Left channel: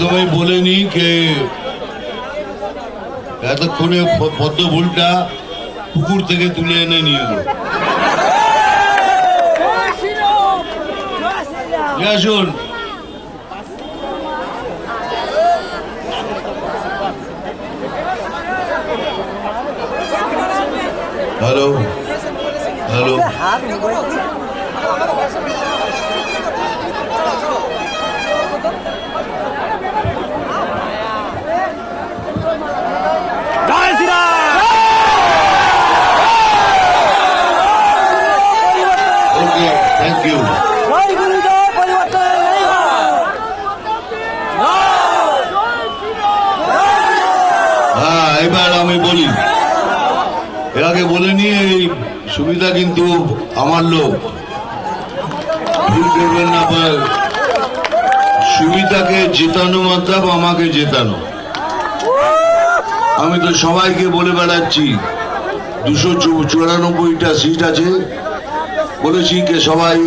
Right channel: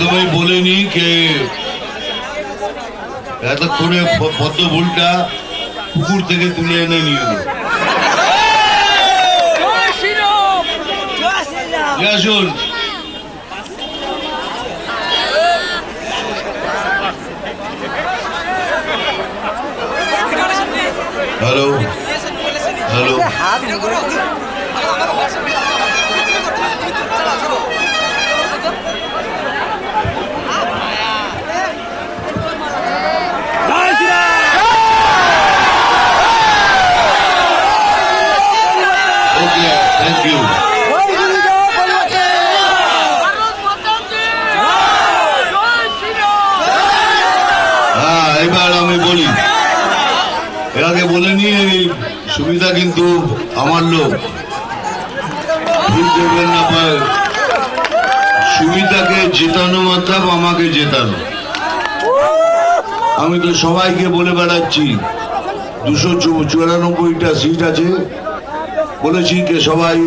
প্রথমেই বলে নি কে এতক্ষণে পদ্ম ফুলটা পুকুর থেকে তুলে এনে নিয়ে এলো। আসুন, hello hello, okay, thank you. হ্যাঁ, এবার আমি বলি, এর আগে বলিনি, সুবিধা কিন্তু আমার লোক, ভুল করবেন না ভাই। সুবিধাকে জেতানো মতলব আমাকে জেতানো। আমি তো সবাইকে বলে বেড়াচ্ছি 294টা সিট আছে, বলেছি কে সবাই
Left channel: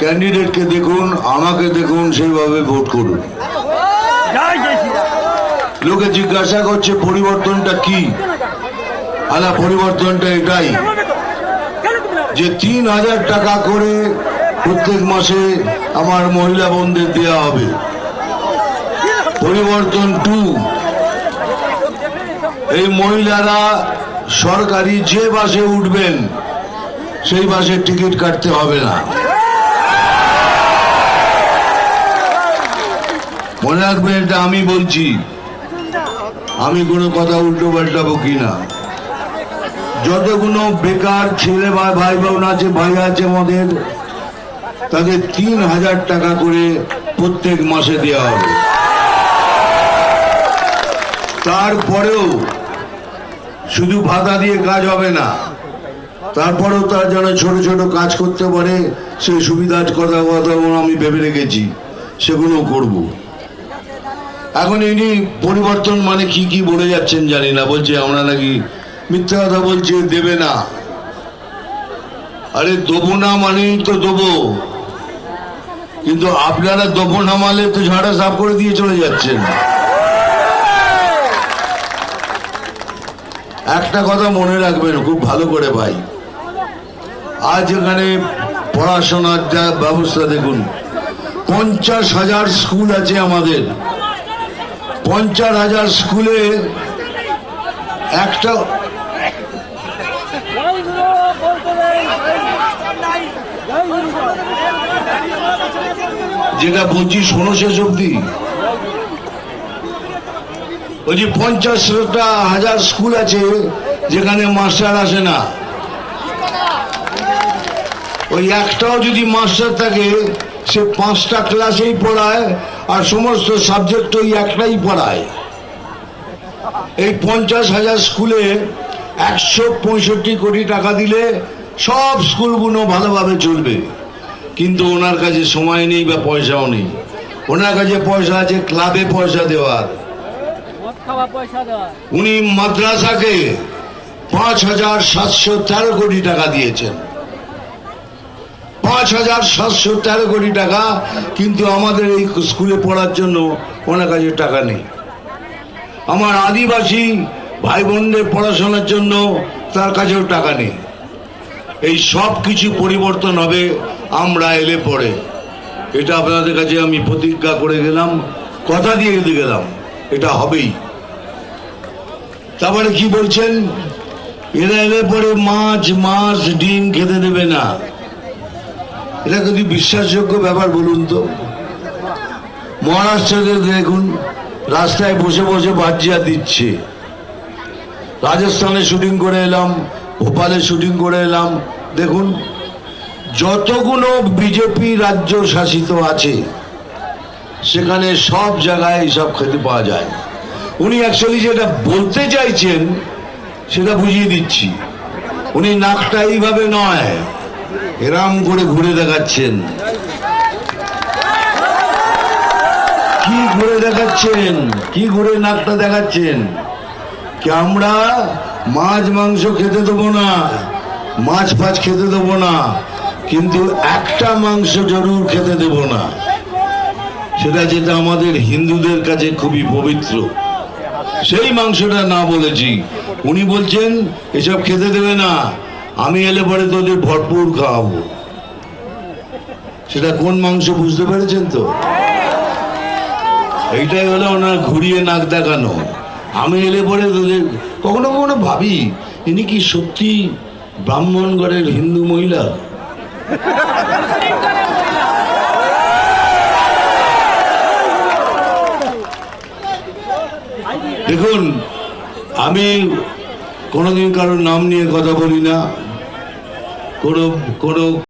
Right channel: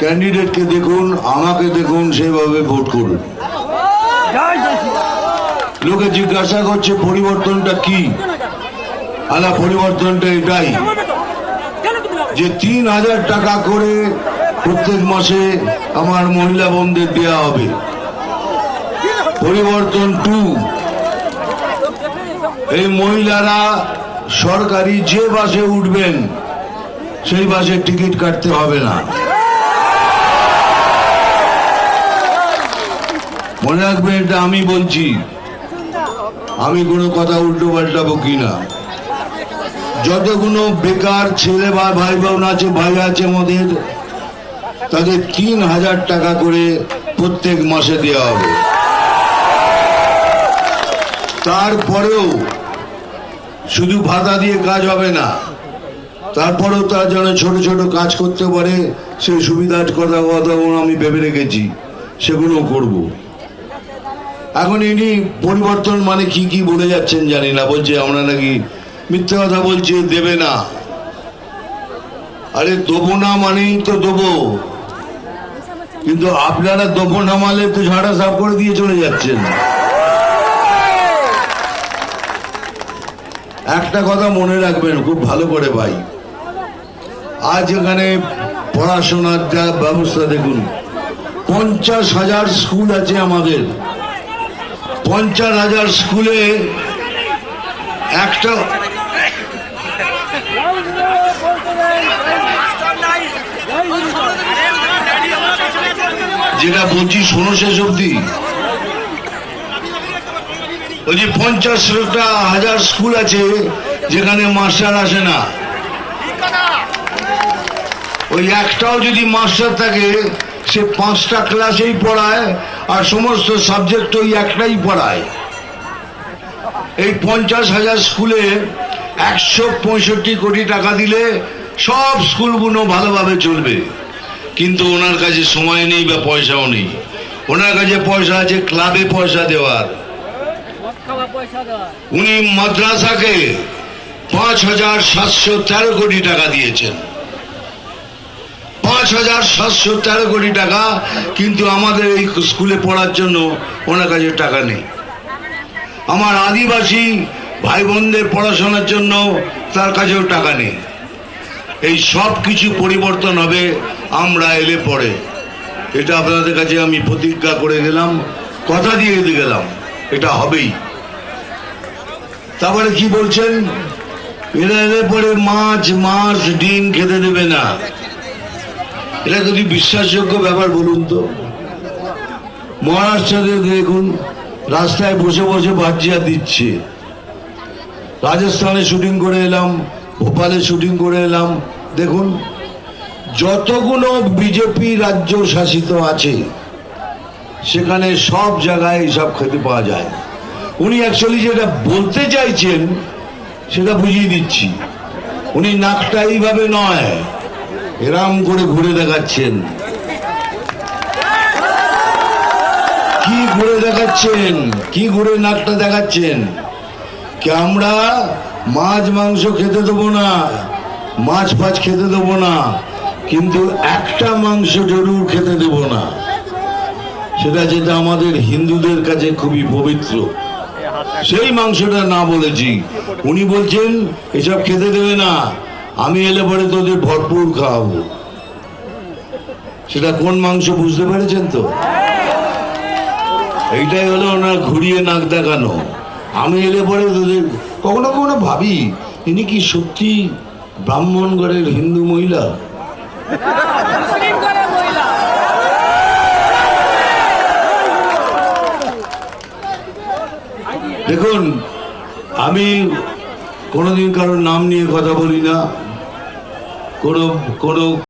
ক্যান্ডিডেটকে দেখুন, আমাকে দেখুন, সেভাবে ভোট করুন। লোকে জিজ্ঞাসা করছে পরিবর্তনটা কি? আলা, পরিবর্তনটা এটাই যে 3000 টাকা করে প্রত্যেক মাসে আমার মহিলা বোনদের দেওয়া হবে। পরিবর্তন 2, এই মহিলারা সরকারি যে বাসে উঠবেন সেই বাসের টিকিট কাটতে হবে না। মনে রাখবেন, এটা আমি বলছি, আমি কোনো কথা উল্টো পাল্টাবো কিনা। যতগুলো বেকার ছেলে বা ভাই বোন আছে, ভাই আছে আমাদের, তাদের 3000 টাকা করে প্রত্যেক মাসে দেওয়া হবে। তারপরেও শুধু ভাতা দিয়ে কাজ হবে না, তারপরেও তার যেন ছোট ছোট কাজ করতে পারে, সেই সুবিধার কথা আমি ভেবে রেখেছি, সেগুলো করব। এখন ইনি পরিবর্তন মানে কি কি বলে যাচ্ছেন জানি না, বলছে আমরা নাকি মিথ্যা কথা বলছে, দেবে না। আরে দেবো না মানেই তো দেবো, কিন্তু আপনারা দেবো না মানলে তো ঝাড়া সাফ করে দিয়ে চলে যাচ্ছেন। একটা কথা মনে রাখবেন খুব ভালো করে ভাই, আজ এখানে পড়াশোনার যা ব্যবস্থা দেখুন, 50,000 স্কুল আছে আমাদের। 50,000 স্কুলে একটা যেটা বলছি শোনো শেষ অব্দি, ওই যে 50,000 স্কুল আছে যেখানে মাস্টার আসে না। ওই একটাও যদি মাস্টার থাকে, সে 5টা ক্লাসেই পড়ায় আর সমস্ত সাবজেক্ট ওই একটাই পড়ায়। এই 50,000 স্কুলে 165 কোটি টাকা দিলে সব স্কুলগুলো ভালোভাবে চলবে, কিন্তু ওনার কাছে সময় নেই বা পয়সাও নেই। ওনার কাছে পয়সা আছে ক্লাবে পয়সা দেওয়ার। উনি মাদ্রাসাকে 5,713 কোটি টাকা দিয়েছেন, 5,713 কোটি টাকা, কিন্তু আমাদের এই স্কুলে পড়ার জন্য ওনার কাছে টাকা নেই। আমার আদিবাসী ভাই বোনদের পড়াশোনার জন্য তার কাছেও টাকা নেই। এই সব কিছু পরিবর্তন হবে আমরা এলে পরে, এটা আপনাদের কাছে আমি প্রতিজ্ঞা করে গেলাম, কথা দিয়ে গেলাম, এটা হবেই। তারপরে কি বলছেন, এরা এলে পরে মাছ ডিম খেতে দেবে না। এটা যদি বিশ্বাসযোগ্য ব্যাপার বলুন তো? মহারাষ্ট্রে দেখুন, রাস্তায় বসে বসে ভাজিয়া দিচ্ছে। রাজস্থানে শুটিং করে এলাম, ভোপালে শুটিং করে এলাম, দেখুন যতগুলো বিজেপি রাজ্য শাসিত আছে সেখানে সব জায়গায় এইসব খেতে পাওয়া যায়। উনি অ্যাকচুয়ালি যেটা বলতে চাইছেন সেটা বুঝিয়ে দিচ্ছি। উনি নাকটা এইভাবে নয়, এরম করে ঘুরে দেখাচ্ছেন। কি ঘুরে দেখাচ্ছেন, কি ঘুরে নাকটা দেখাচ্ছেন? কি আমরা মাছ মাংস খেতে দেবো না, মাছ ফাছ খেতে দেবো না, কিন্তু একটা মাংস জরুর খেতে দেবো না। সেটা যেটা আমাদের হিন্দুদের কাছে খুবই পবিত্র, সেই মাংসটা না বলেছি। উনি বলছেন এসব খেতে দেবে না, আমি এলে পরে তোদের ভরপুর খাওয়াবো। সেটা কোন মাংস বুঝতে পেরেছেন তো? এইটাই হলো ওনার ঘুরিয়ে নাক দেখানো। আমি এলে পরে তোদের, কখনো কখনো ভাবি ইনি কি সত্যি ব্রাহ্মণ ঘরের হিন্দু মহিলা? দেখুন, আমি কোনোদিন কারোর নাম নিয়ে কথা বলি না, কোনো কোনো